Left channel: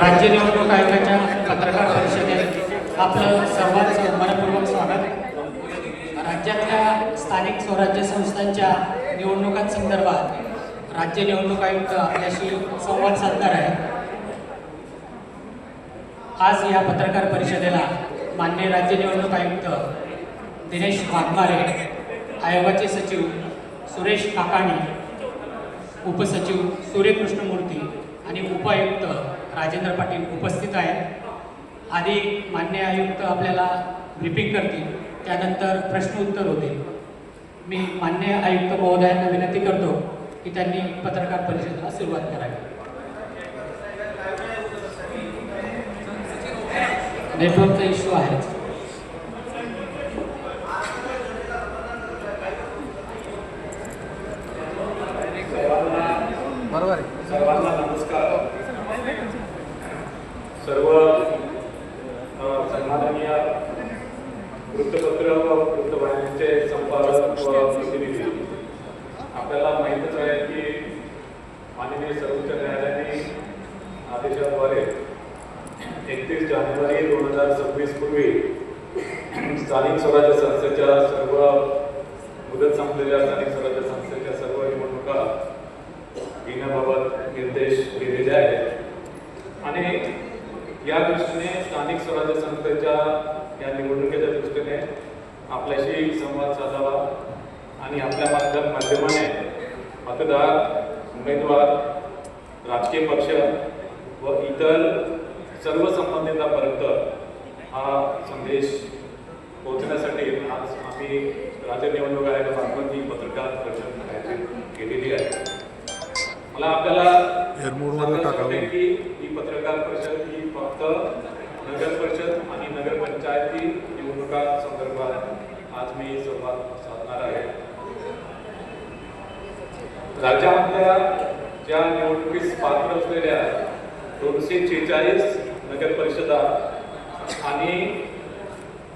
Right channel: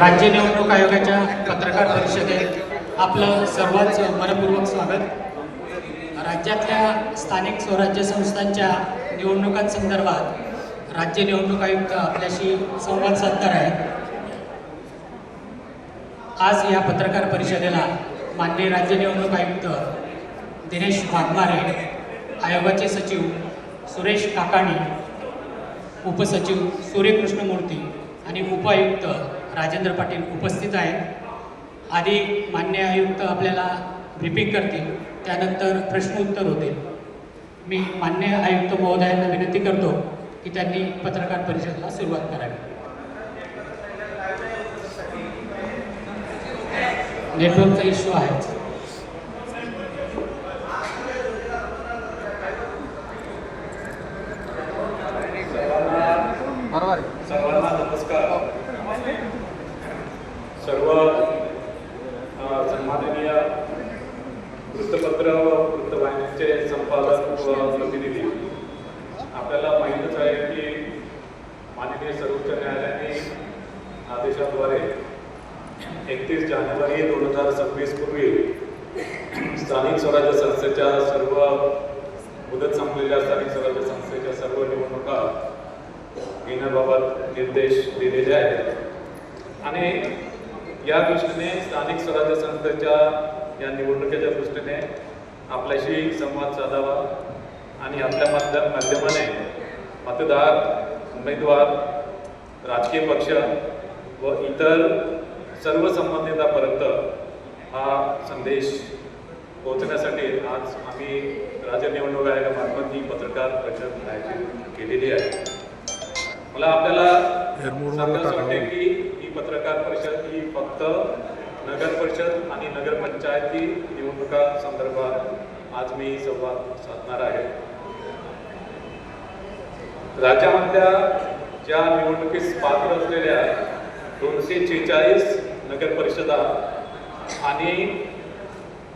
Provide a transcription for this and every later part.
राज्य निवडणूक आयोगाच्या पत्रकार परिषदेत आपलं सर्वांचं मनपूर्वक स्वागत. राज्यातल्या स्थानिक स्वराज्य संस्थांच्या निवडणुकांसंदर्भात राज्य निवडणूक आयुक्त आपल्याशी संवाद साधणार आहेत आज या पत्रकार परिषदेला माननीय राज्य निवडणूक आयुक्त दिनेश वाघमारे आयोगाचे सचिव सुरेश काकाणी उपसचिव सूर्यकृष्ण मूर्ती आणि उपायुक्त राजेंद्र पाटील उपस्थित आहेत आधी मान्य आयुक्त आपल्याला ब्रिफिंग करतील त्यानंतर प्रश्नोत्तर होतील. मी मान्य आयुक्त महोदयांना विनंती करतो की त्यांनी पत्रकार परिषदेला सुरुवात करावी. नेटवर्कचा इश्यू आहेच. वृत्तपत्र व वृत्तवाहिन्यांचे संपादक व प्रतिनिधी आपल्याला माहीतच आहे की माननीय सर्वोच्च न्यायालयाने आदेशाद्वारे एकतीस जानेवारी दोन हजार सव्वीस पूर्वी स्थानिक स्वराज्य संस्थेच्या सर्व मुदत संपलेल्या स्थानिक स्वराज्य संस्थेच्या सर्व निवडणुका घेण्याबाबत निर्देश दिलेले आहेत आणि या दृष्टीने स्थानिक स्वराज्य संस्थेच्या या निवडणुकीच्या दृष्टीने आपल्याशी संवाद साधावा आणि आपल्या माध्यम माध्यमाने मतदार उमेदवार राजकीय पक्ष व इतर सर्व संबंधितांपर्यंत हा संदेश पोहोचण्यासाठी आज आम्ही राज्य निवडणूक आयोगामार्फत ही पत्रकार परिषद आयोजित केलेली आहे. मला आपल्याला की ही पत्रकार परिषद ही फक्त नगर परिषद आणि नगरपंचायती निवडणुका संदर्भात आज मी संवाद साधणार आहे. राज्यामधल्या ज्या निवडणुकीस पात्र असलेल्या दोनशे छेचाळीस नगर परिषदा आणि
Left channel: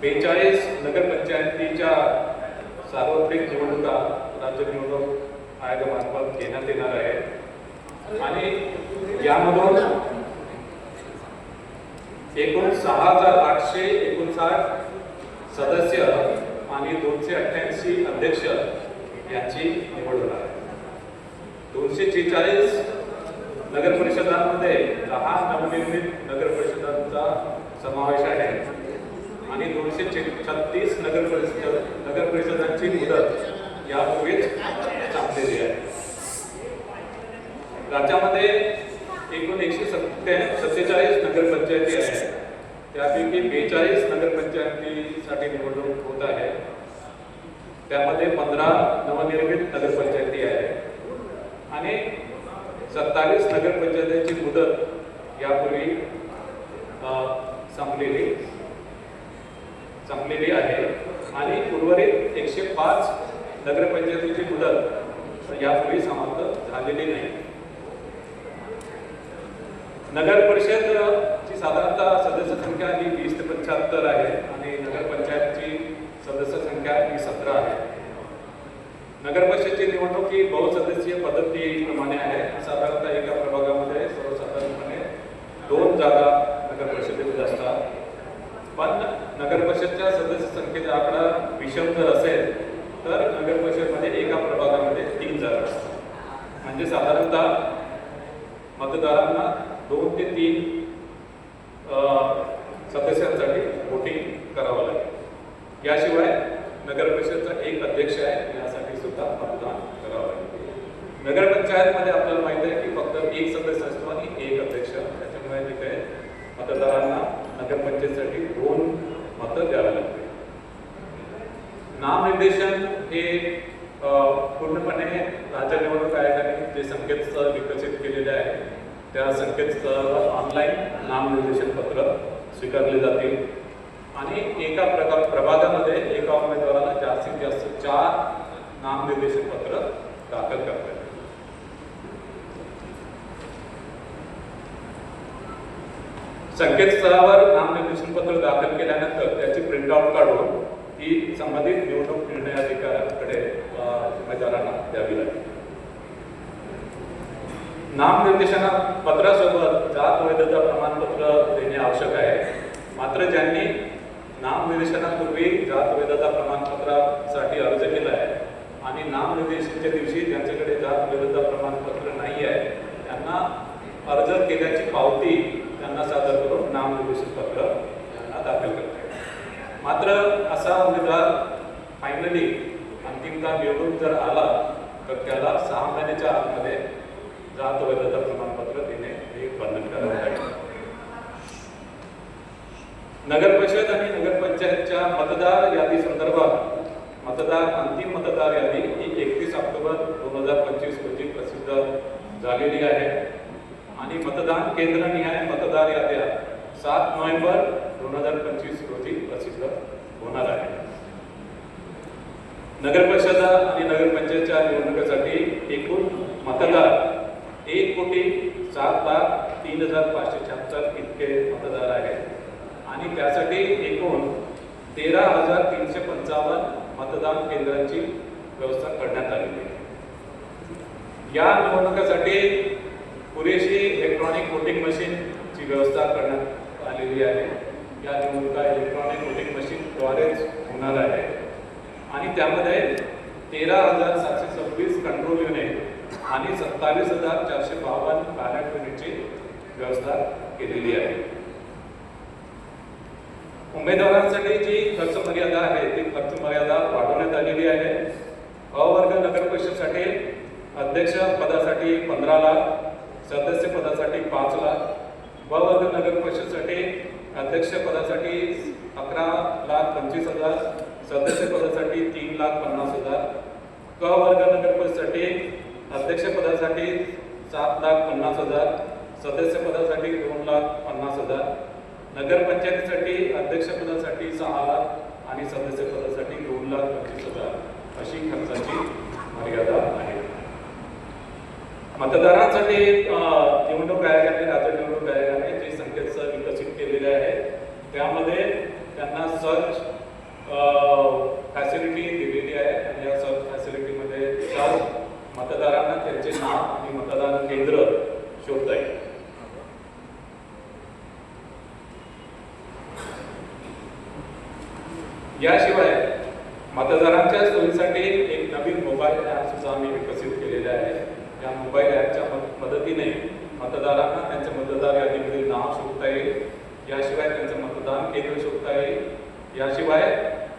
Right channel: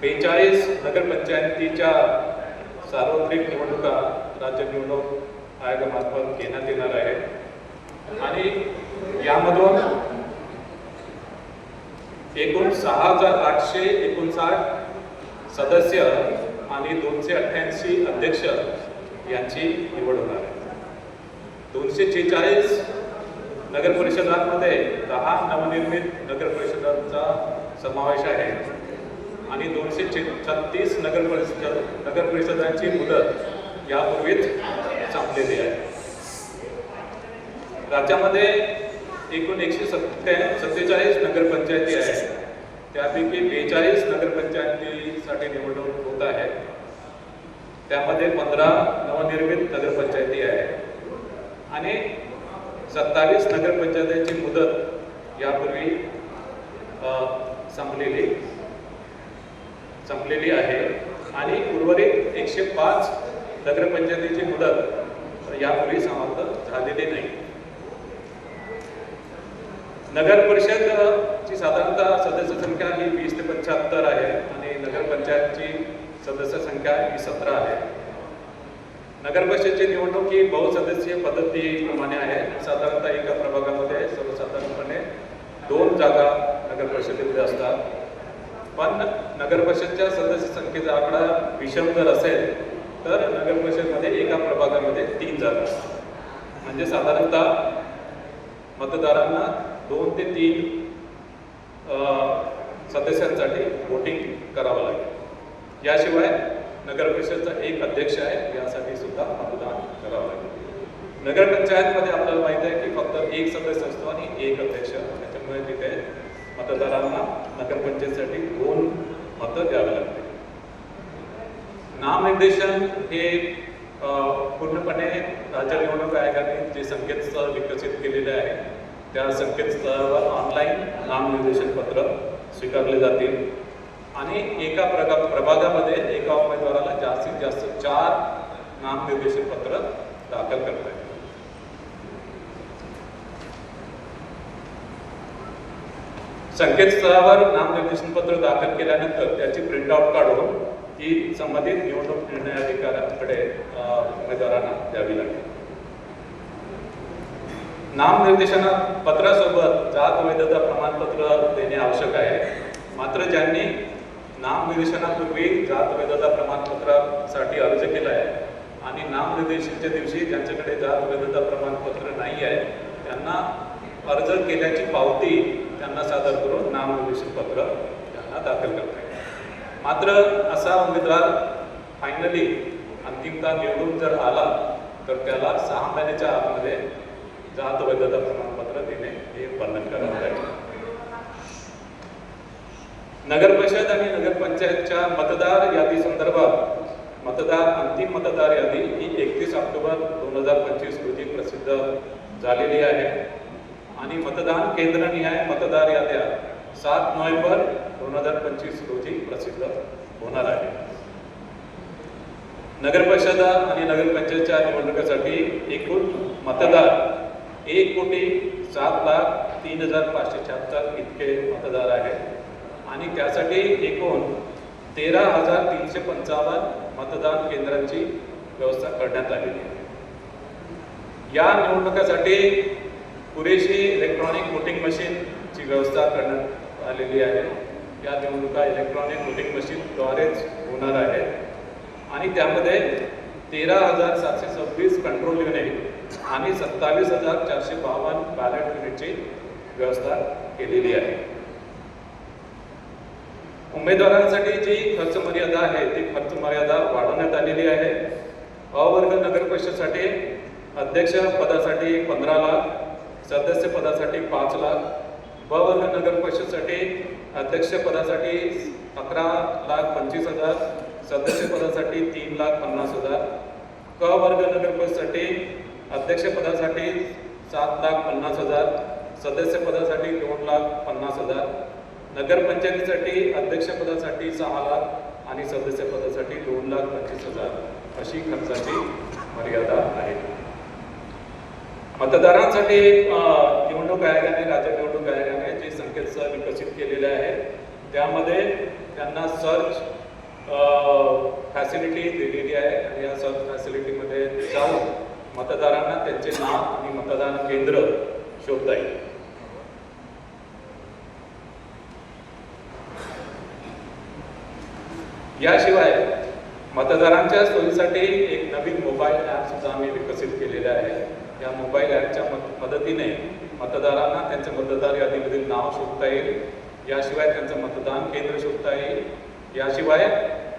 बेचाळीस नगरपंचायतीच्या सार्वत्रिक निवडणुका राज्य निवडणूक आयोगामार्फत घेण्यात येणार आहे आणि यामधून एकूण सहा हजार आठशे एकोणसाठ सदस्य आणि दोनशे अठ्ठ्याऐंशी अध्यक्ष यांची निवड होणार आहे. दोनशे छेचाळीस नगर परिषदांमध्ये दहा नवनिर्मित नगर परिषदांचा समावेश आहे आणि दोनशे छत्तीस नगर परिषद नगर परिषदांची मुदत यापूर्वीच संपलेली आहे. राज्यामध्ये एकूण एकशे सत्ते सत्तेचाळीस नगरपंचायती आहेत. त्यापैकी बेचाळीस नगरपंचायतीसाठी निवडणूक होत आहे. त्यामध्ये पंधरा नवनिर्मित नगरपंचायती आहे आणि सत्तावीस नगरपंचायतीची मुदत यापूर्वी अ, संपलेली संपलेली आहे आणि उर्वरित एकशे पाच नगरपंचायतीची मुदत यापूर्वी समाप्त झालेली नाही नगर परिषदची साधारणतः सदस्य संख्या ही वीस ते पंच्याहत्तर आहे आणि नगरपंचायतची सदस्य संख्या ही सतरा आहे नगर परिषदची निवडणूक ही बहुसदस्यीय पद्धतीप्रमाणे आहे साधारणतः एका प्रभागामध्ये सर्वसाधारणपणे दोन जागा नगर परिषदेमध्ये असतात पण नगर परिषदच्या सदस्य संख्येचा आकडा विषम जर असेल तर नगर परिषदमध्ये एका प्रभागामध्ये तीन जागा म्हणजे साधारणतः मतदारांना दोन ते तीन सदस्यांसाठी वोटिंग करावं लागेल. याशिवाय नगर परिषदचा एक अध्यक्ष आहे यासाठी सुद्धा मतदान करावं लागेल. नगरपंचायतमध्ये आपल्याला माहीत आहे की फक्त एक सदस्य असतो आणि एक अध्यक्ष संकेतस्थळावर नामनिर्देशनपत्र दाखल केल्यानंतर त्याची प्रिंटआउट काढून ही संबंधित निवडणूक निर्णय अधिकाऱ्याकडे उमेदवारांना द्यावी लागेल. नामनिर्देशना पत्रासोबत जात वैधता प्रमाणपत्र देणे आवश्यक आहे. मात्र ज्यांनी नामनिर्देशनापूर्वी जात वैधता प्रमाणपत्रासाठी अर्ज केला आहे आणि नामनिर्देशनच्या दिवशी ज्यांच्याकडे जात वैधता मात्र असा उमेदवार फायनली अंतिमता निवडून जर आला तर त्याला सहा महिन्याच्या आतमध्ये जात वैधता प्रमाणपत्र देणे हे बंधनकारक आहे. नगर परिषद आणि नगरपंचायतच्या मतदार यादी संदर्भात मतदार अंतिम मतदार यादी ही एकतीस ऑक्टोबर दोन हजार पंचवीस रोजी प्रसिद्ध झालेली आहे. आणि मतदान केंद्रनिहाय मतदार याद्या सात नोव्हेंबर दोन हजार पंचवीस रोजी प्रसिद्ध होणार आहे. नगर परिषद आणि नगरपंचायतच्या निवडणुकीसाठी एकूण मतदार एक कोटी सात लाख तीन हजार पाचशे शहात्तर इतके मतदार आहेत. आणि त्यासाठी एकूण तेरा हजार तीनशे पंचावन्न मतदान केंद्रांची व्यवस्था करण्यात आलेली आहे. या निवडणुकीसाठी पुरेशी इलेक्ट्रॉनिक वोटिंग मशीनची व्यवस्था करण्यात आलेली आहे. या निवडणुका इलेक्ट्रॉनिक वोटिंग मशीनद्वारेच होणार आहे. आणि त्यामध्ये तेरा हजार सातशे सव्वीस कंट्रोल युनिट आणि सत्तावीस हजार चारशे बावन्न बॅलेट युनिटची व्यवस्था केलेली आहे. उमेदवारांसाठी जी खर्च मर्यादा आहे ती खर्च मर्यादा वाढवण्यात आलेली आहे. अवर्ग नगर परिषदसाठी अध्यक्ष पदासाठी पंधरा लाख सदस्य पदासाठी पाच लाख ब वर्ग नगर परिषदसाठी अध्यक्षपदासाठी अकरा लाख पंचवीस हजार सदस्यपदासाठी तीन लाख पन्नास हजार. क वर्ग नगर अध्यक्षपदासाठी सात लाख पन्नास हजार सदस्यपदासाठी दोन लाख पन्नास हजार. नगरपंचायतीसाठी अध्यक्षपदासाठी सहा लाख आणि सदस्यपदासाठी दोन लाख पंचवीस हजार अशी खर्चाची मर्यादा आहे. मतदारांसाठी निवडणूक आयोगाने राज्य निवडणूक आयोगाने जे संकेतस्थळ विकसित केलेले आहे. त्यामध्ये त्यांना सर्च फॅसिलिटी दिलेली आहे. आणि या सर्च फॅसिलिटीमध्ये सर्व मतदारांना त्यांचे नाव आणि मतदान केंद्र शोधता येईल याशिवाय मतदारांच्या सोयीसाठी एक नवीन मोबाईल ॲप सुद्धा आम्ही विकसित केलेले आहे या मोबाईल ॲपच्या मद- मदतीने मतदारांना त्यांच्या मतदार यादीमधील नाव शोधता येईल याशिवाय त्यांचं मतदान केंद्र शोधता येईल याशिवाय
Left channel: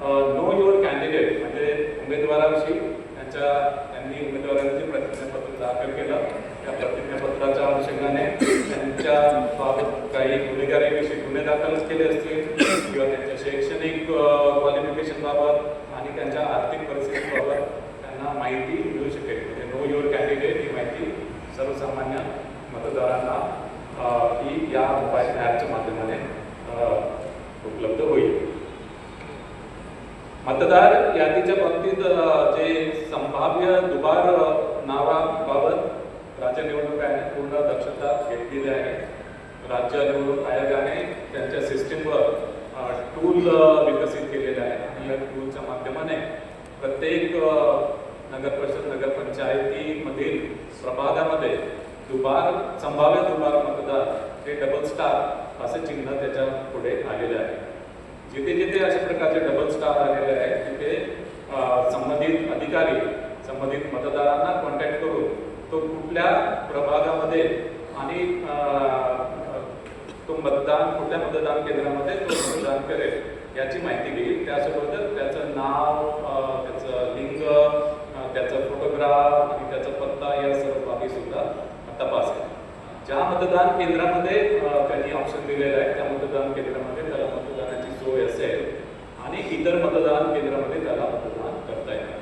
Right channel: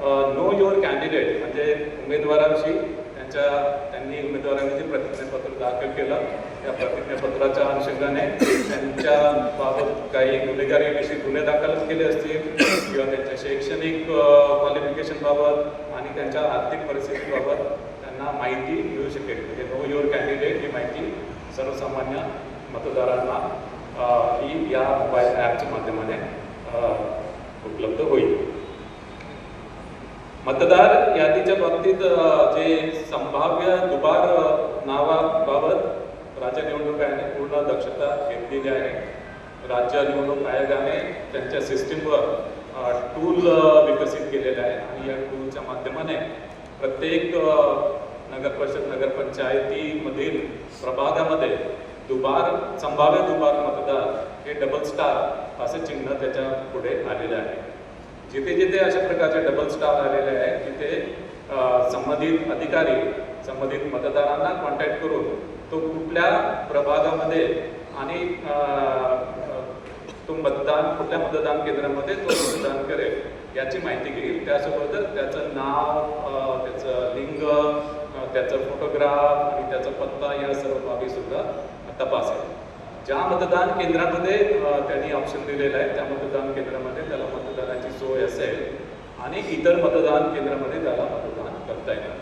नो युअर कॅन्डिडेट म्हणजे उमेदवाराविषयी त्यांच्या त्यांनी उमेदवारांचे प्रतिज्ञापत्र दाखल केलं. त्या प्रतिज्ञापत्राच्या अनुषंगाने त्यांच्या बाबत काही गुन्हेगारीविषयी गुन्हे दाखल केले असतील किंवा त्यांच्या शैक्षणिक क्वालिफिकेशन बाबत आणि त्यांच्या आर्थिक परिस्थितीबाबत त्यांना माहिती मिळू शकेल. नो युअर कॅन्डिडेट ही माहिती सर्वसामान्य मतदारांना अ, ही या मोबाईल ॲपच्या माध्यमाने अ, उपलब्ध होईल मतदार यादीच्या बाबतीत अ, जे संभाव्य दुबार अ, नावाबाबत राज्य निवडणूक आयोगाने पूर्ण दक्षता घेतलेली आहे राज्य निवडणूक आयोगाने त्यांच्या सिस्टीमवर टूल विकसित केलेलं आहे. आणि या टूलच्या माध्यमाने प्रत्येक नगरपरिषद नगर परिषद नगरपंचायतीमधील प्रभागामध्ये दुबार संभाव्य दुबार मतदार हे डबल स्टार असं चिन्ह त्याच्या पुढे आलेलं आहे. जिथे जिथे अशा प्रकारचे डबल स्टार आलेले आहेत तिथे संबंधित अधिकारी संबंधित मतदारांना कॉन्टॅक्ट करून तो कुठल्या प्रभागामध्ये आणि मतदान कुठल्या मतदान केंद्रामध्ये तो मतदान करेल याची माहिती घेईल. त्यासोबतच त्याचं नाव त्याचं लिंग त्याचा फोटोग्राफ आणि त्याचा पत्ता या सर्व बाबी सुद्धा तपासेल. ज्या मतदान केंद्रामध्ये त्यांनी ऑप्शन दिलेलं आहे त्या मतदान केंद्रामध्ये त्याला मतदानाची सोय असेल आणि इतर मतदान केंद्रामध्ये त्याला मतदान करता येणार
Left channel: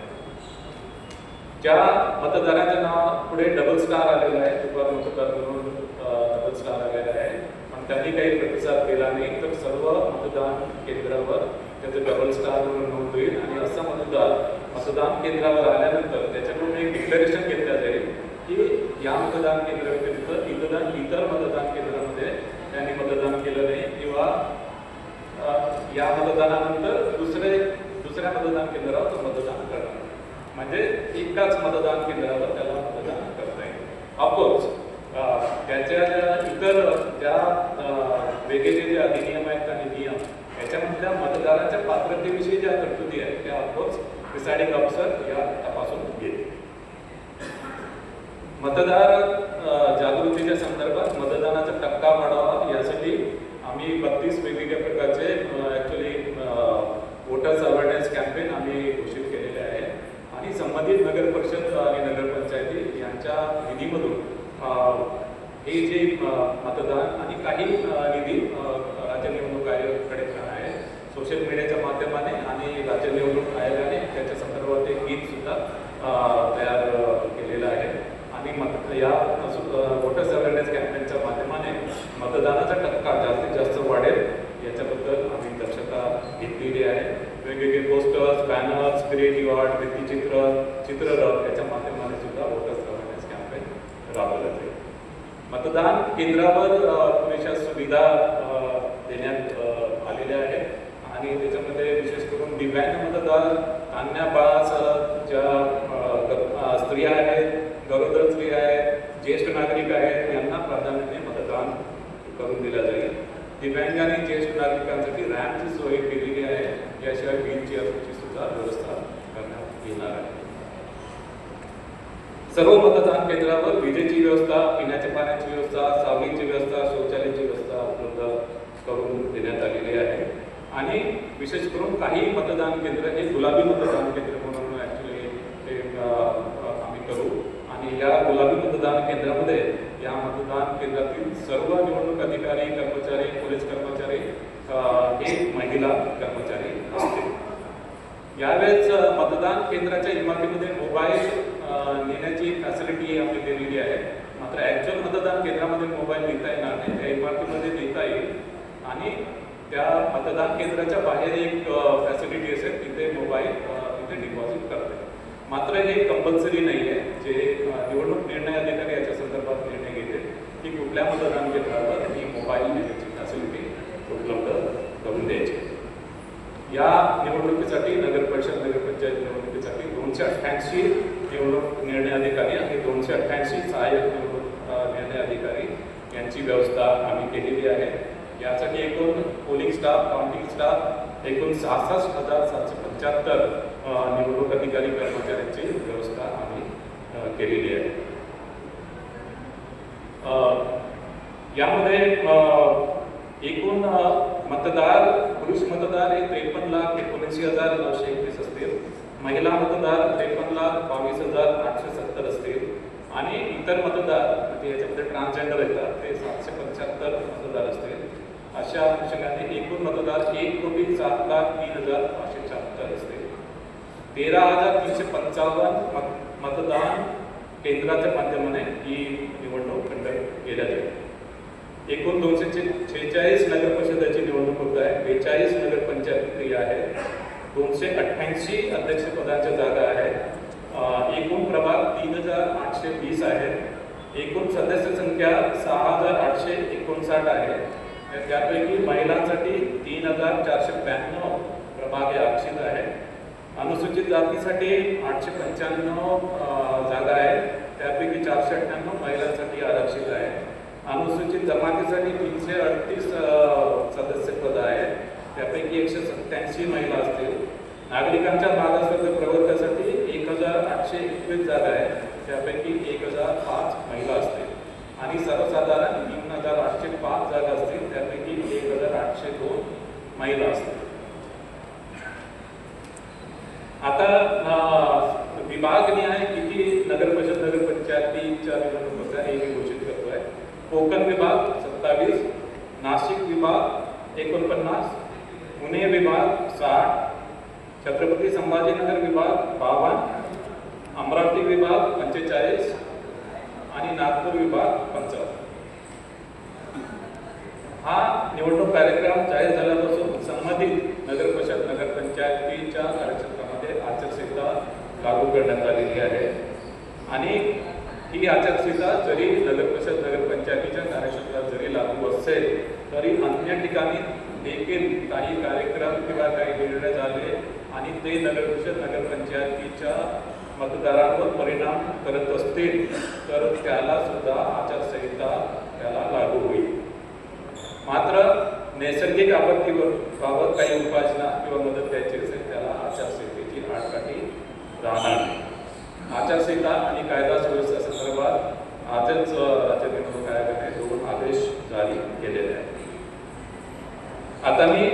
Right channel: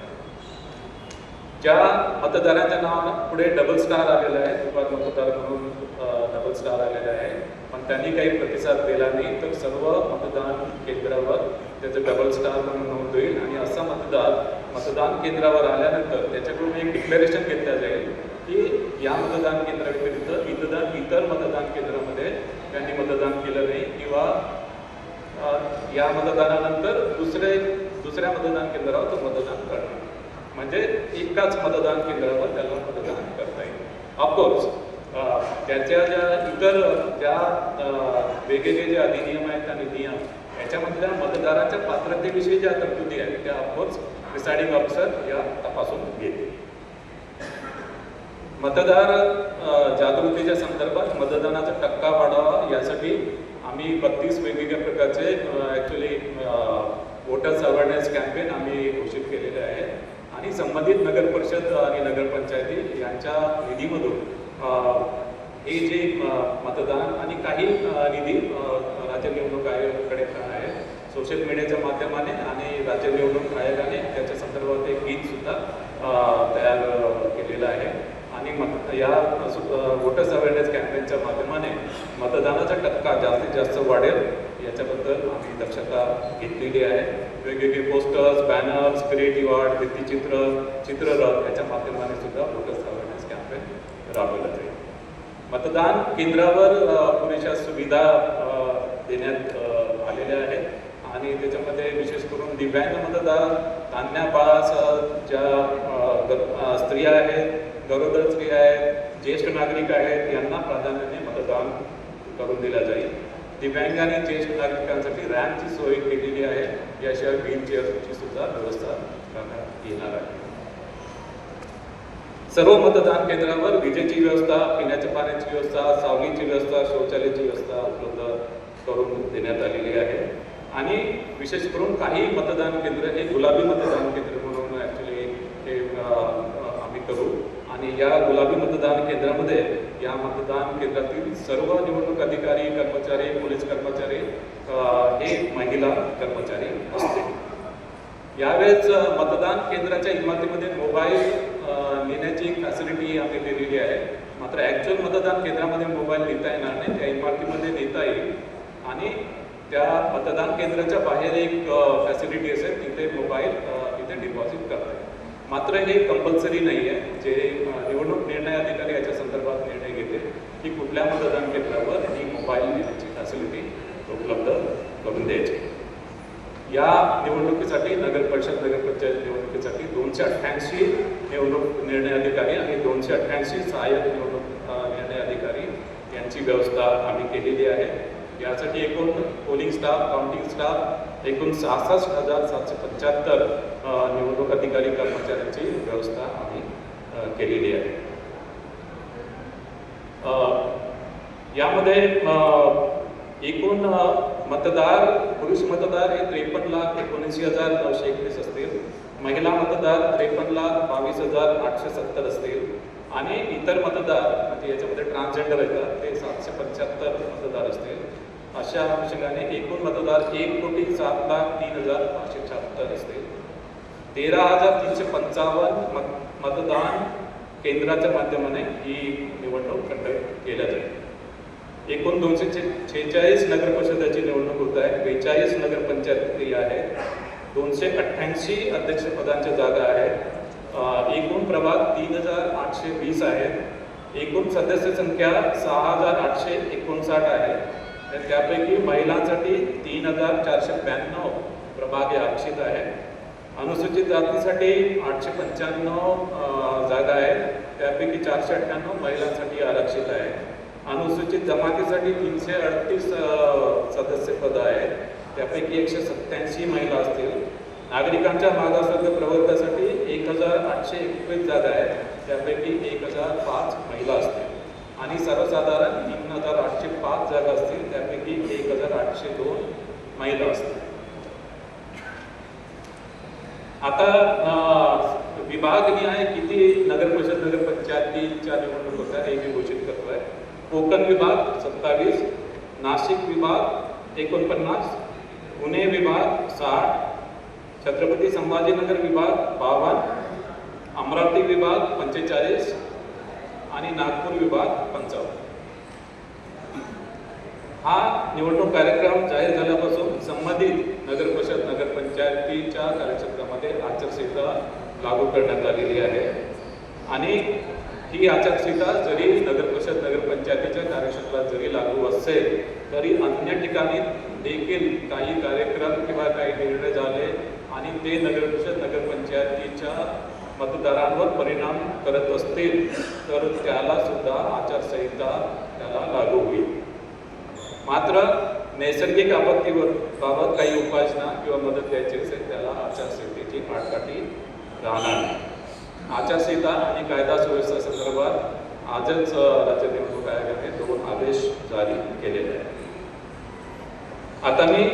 ज्या मतदाराच्या नाव पुढे डबल स्टार आलेला आहे दुपार मतदार म्हणून डबल स्टार आलेला आहे. त्यांनी काही प्रतिसाद केला नाही तर सर्व मतदान केंद्रावर त्याचं डबल स्टार म्हणून नोंद होईल. आणि असा मतदार मतदान केंद्रावर आल्यानंतर त्याच्याकडून एक डिक्लेरेशन घेतलं जाईल की या मतदान केंद्राव्यतिरिक्त इतर इतर मतदान केंद्रामध्ये त्यांनी मतदान केलं नाही किंवा या मतदानानंतर दुसरे दुसऱ्या मतदान केंद्रावर तो मतदान करणार म्हणजे एकाच मतदान केंद्रावर त्याला मतदान करता येईल. ऑफकोर्स त्याच्या इतर ज्या वेगवेगळे जे अधिनियम आहेत आणि नियम याच्यामधल्या मतदारांच्या पात्रतेविषयी ज्या तरतुदी आहेत त्या ऑफकोर्स प्रिसायडिंग ऑफिसर या तपासून घेते मतदार जागृतीच्या संदर्भात मतदानाचा टक्का वाढावा यासाठी आम्ही बत्तीस वेगवेगळ्या प्रकारचे ॲक्च्युली वोटर्स अवेअरनेस कॅम्पेन आम्ही घोषित केलेले आहे. आणि संबंधित नगर परिषद आणि नगरपंचायती यांच्या निधीमधून हे जे मतदान काही निधी राज्य निवडणूक आयोगाकडे आहे. सोशल मीडियाच्या माध्यमाने आणि राज्य निवडणूक आयोगाने त्याच्या संदर्भात एक गीत सुद्धा तयार केलेलं आहे. आणि मत या वोटर्स अवेअरनेस कॅम्पेनच्या माध्यमाने मतदानाचा टक्का जास्तीत जास्त वाढेल याच्याबद्दल आम्ही दक्षता घेतलेली आहे. वेगवेगळे पोस्टर्स बॅनर्स क्रिएटिव्ह आर्ट भित्तीचित्र चित्ररथ याच्या माध्यमाने सुद्धा वोटर्स अवेअरनेस कॅम्पेन राबवलं जाईल. मतदान केंद्रावर अ, सुविधा देण्यात आलेल्या आहेत. आणि त्याच्यामध्ये विशेष करून दिव्यांग मतदार अन्या बाळासह ज्या स्त्रिया आहेत गरोदर स्त्रिया आहेत ज्येष्ठ नागरिक आहेत यांना प्राधान्याने मतदान करून दिलं जाईल. दिव्यांग आणि ज्येष्ठ नागरिकांसाठी रॅम्पची सोय केलेली आहे याशिवाय व्हीलचेअरची सुद्धा व्यवस्था करण्यात येणार आहे. सर्व मतदान केंद्रावर विजेची व्यवस्था पिण्याच्या पाण्याची व्यवस्था सावलीची व्यवस्था व्यवस्था उपलब्ध करून देण्यात आलेली आहे आणि विशेष करून काही मतदान केंद्र हे गुलाबी मतदान केंद्र म्हणून ॲक्च्युली हे आम्ही करू. आणि या गुलाबी मतदान केंद्रामध्ये या मतदान केंद्रातील सर्व निवडणूक अधिकारी कर्मचारी पोलीस कर्मचारी हे महिला कर्मचारी असते यावेळेस मतदान केंद्राच्या इमारतीमध्ये मोबाईल नेण्याची फॅसिलिटी आम्ही दिलेली आहे. मात्र ॲक्च्युअल मतदान केंद्रामध्ये मोबाईल नेता येणार नाही. त्या इमारतीमध्ये नेता येईल. आणि त्या मतदान केंद्राच्या बाहेर एक फॅसिलिटी असेल तिथे मोबाईल तिथे डिपॉझिट करता येईल. मात्र हे कंपल्सरी नाही आहे जे निवडणूक निर्णय अधिकारी याच्या संदर्भात निर्णय घेतील की कुठल्या मतदान केंद्रावर ही मोबाईल त्याची फॅसिलिटी उपलब्ध करून द्यायची. या निवडणुकीसाठी नगर परिषद नगरपंचायत निवडणुकीसाठी दोनशे अठ्ठ्याऐंशी निवडणूक निर्णय अधिकारी आणि दोनशे अठ्ठ्याऐंशी सहाय्यक निवडणूक निर्णय अधिकारी यांची व्यवस्था आम्ही केलेली आहे. यासाठी एकूण पोलिंग स्टाफ काउंटिंग स्टाफ एकूण सहासष्ट हजार सातशे पंच्याहत्तर निवडणूक अधिकारी कर्मचाऱ्यांची व्यवस्था आम्ही केलेली आहे. यामध्ये एकूण मतदार पुरुष मतदार हे त्रेपन्न लाख एकोणऐंशी हजार नऊशे एकवीस असतील. महिला मतदार त्रेपन्न लाख बावीस हजार आठशे सत्तर असतील. आणि इतर मतदार म्हणजे याच्यामध्ये ट्रान्सजेंडर येतात ते सातशे पंच्याहत्तर मतदार असतील. अशा अनुषंगाने एकूण मतदार एक कोटी सात लाख तीन हजार पाचशे शहात्तर असते. तेरा हजार तीनशे पंचावन्न मत मतदान केंद्राच्या माध्यमाने ही निवडणूक कंडक्ट केल्या जाईल. एकूण दोनशे छेचाळीस नगर परिषदाची निवडणूक होत आहे. बेचाळीस नगर प्रक्रिया आहेत दोनशे अठ्ठ्याऐंशी अध्यक्षपदांच्या जागा आहेत. एकूण प्रभाग तीन हजार आठशे वीस आहेत. एकूण सदस्य संख्या सहा हजार आठशे एकोणसाठ आहे. तर त्यापैकी महिलांसाठी तीन हजार चारशे ब्याण्णव प्रभाग हे आरक्षित आहे. अनुसूचित जातीसाठी आठशे पंच्याण्णव जागा आहेत त्यापैकी चारशे अठ्ठ्याण्णव महिलांसाठी आरक्षित आहे. अनुसूचित जमातीसाठी तीनशे अडतीस सदस्यपद सदस्य पद आहेत. त्यापैकी एकशे सत्याऐंशी महिला असतील. नागरिकांच्या मागासवर्ग प्रवर्गासाठी एक हजार आठशे एकवीस जागा आहेत. त्यापैकी एक हजार पाच महिला असतील. आणि सर्वसाधारण हजार आठशे पाच जागा असतील त्यापैकी एक हजार आठशे दोन महिला असतील. आता विभाग विभागनिहाय किती नगर परिषद नगर पंचायतीच्या निवडणूक होत्या हे मी घोषित करतो आहे कोकण विभाग सत्तावीस नाशिक विभाग एकोणपन्नास पुणे विभाग साठ छत्रपती संभाजीनगर विभाग बावन्न अमरावती विभाग पंचेचाळीस आणि नागपूर विभाग पंचावन्न. हा निवडणूक कार्यक्रम जाहीर झाल्यापासून संबंधित नगर परिषद नगरपंचायतीच्या कार्यक्षेत्रामध्ये आचारसंहिता लागू करण्यात आलेली आहे. आणि ही आचारसंहिता जरी नगर परिषद नगरपंचायतीच्या कार्यक्षेत्रात जरी लागू असेल तरी अन्य ठिकाणी देखील काही कार्यक्रम किंवा काही निर्णय झाले आणि ते नगर परिषद नगरपंचायतीच्या मतदारांवर परिणाम करत असतील तर त्याला सुद्धा आचारसंहिता त्याला लागू होईल मात्र नैसर्गिक आपत्तीवर बाबत काही उपासना किंवा मदत द्यायची असेल त्याला आचारसंहितेची आटकाठी राहणार नाही. आचारसंहिता आणि कायदा सुव्यवस्था संदर्भात आजच अ, राज्य निवडणूक दोन आदेश जारी केलेले आहेत. आता मी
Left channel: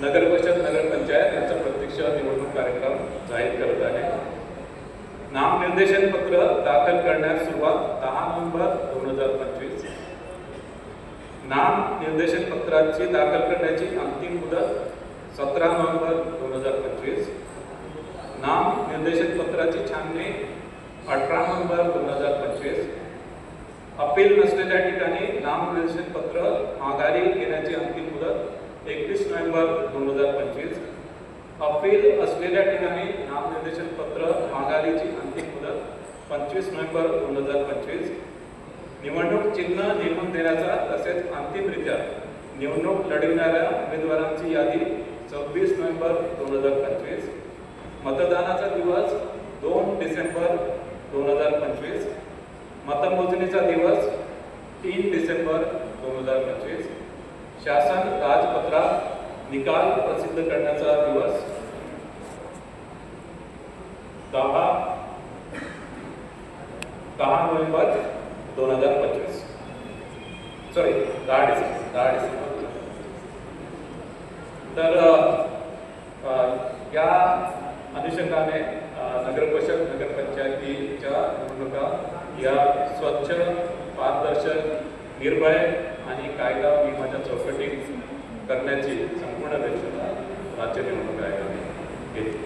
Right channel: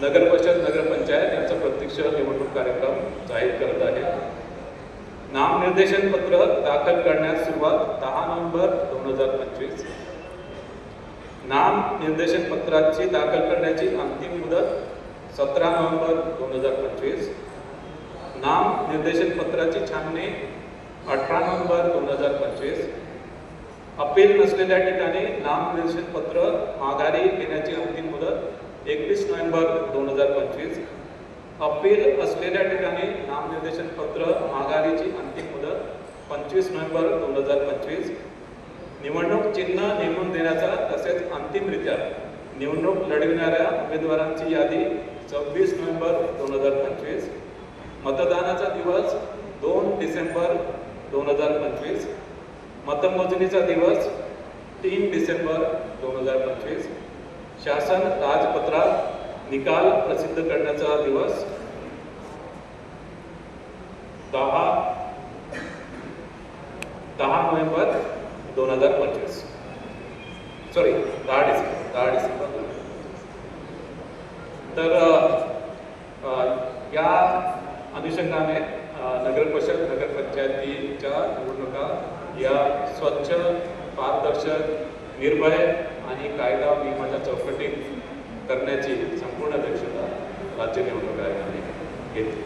नगर परिषद नगरपंचायत यांचा प्रत्यक्ष निवडणूक कार्यक्रम जाहीर करत आहे. नामनिर्देशन पत्र दाखल करण्यास सुरुवात दहा नोव्हेंबर दोन हजार पंचवीस नाम निर्देशन पत्राची दाखल करण्याची अंतिम मुदत सतरा नोव्हेंबर दोन हजार पंचवीस. नाम निर्देशन पत्राची छाननी अठरा नोव्हेंबर दोन हजार पंचवीस. अपील नसलेल्या ठिकाणी नाम निर्देशन पत्र माघारी घेण्याची अंतिम मुदत एकवीस नोव्हेंबर दोन हजार पंचवीस. अपील असलेल्या ठिकाणी नामनिर्देशन पत्र माघारीची अंतिम मुदत पंचवीस नोव्हेंबर दोन हजार पंचवीस. निवडणूक चिन्ह नेमून देण्याचा तसेच अंतिमरित्या निवडणूक लढविणाऱ्या उमेदवारांची यादी सव्वीस नोव्हेंबर दोन हजार पंचवीस मतदानाचा दिवस दोन डिसेंबर दोन हजार पंचवीस मतमोजणीचा दिवस तीन डिसेंबर दोन हजार पंचवीस शासन राजपत्रात निकाल प्रसिद्ध करण्याचा दिवस दहा दहा नोव्हेंबर दोन हजार पंचवीस. सॉरी दहा डिसेंबर दहा डिसेंबर तर या अनुषंगाने अ, नगरपरिषद नगरपंचायतीच्या निवडणुका या स्वच्छ पारदर्शक निर्भय आणि कायदा नियमाच्या चौकटीत करण्याची संपूर्ण दक्षता राज्य निवडणूक आयोगाने घेतली.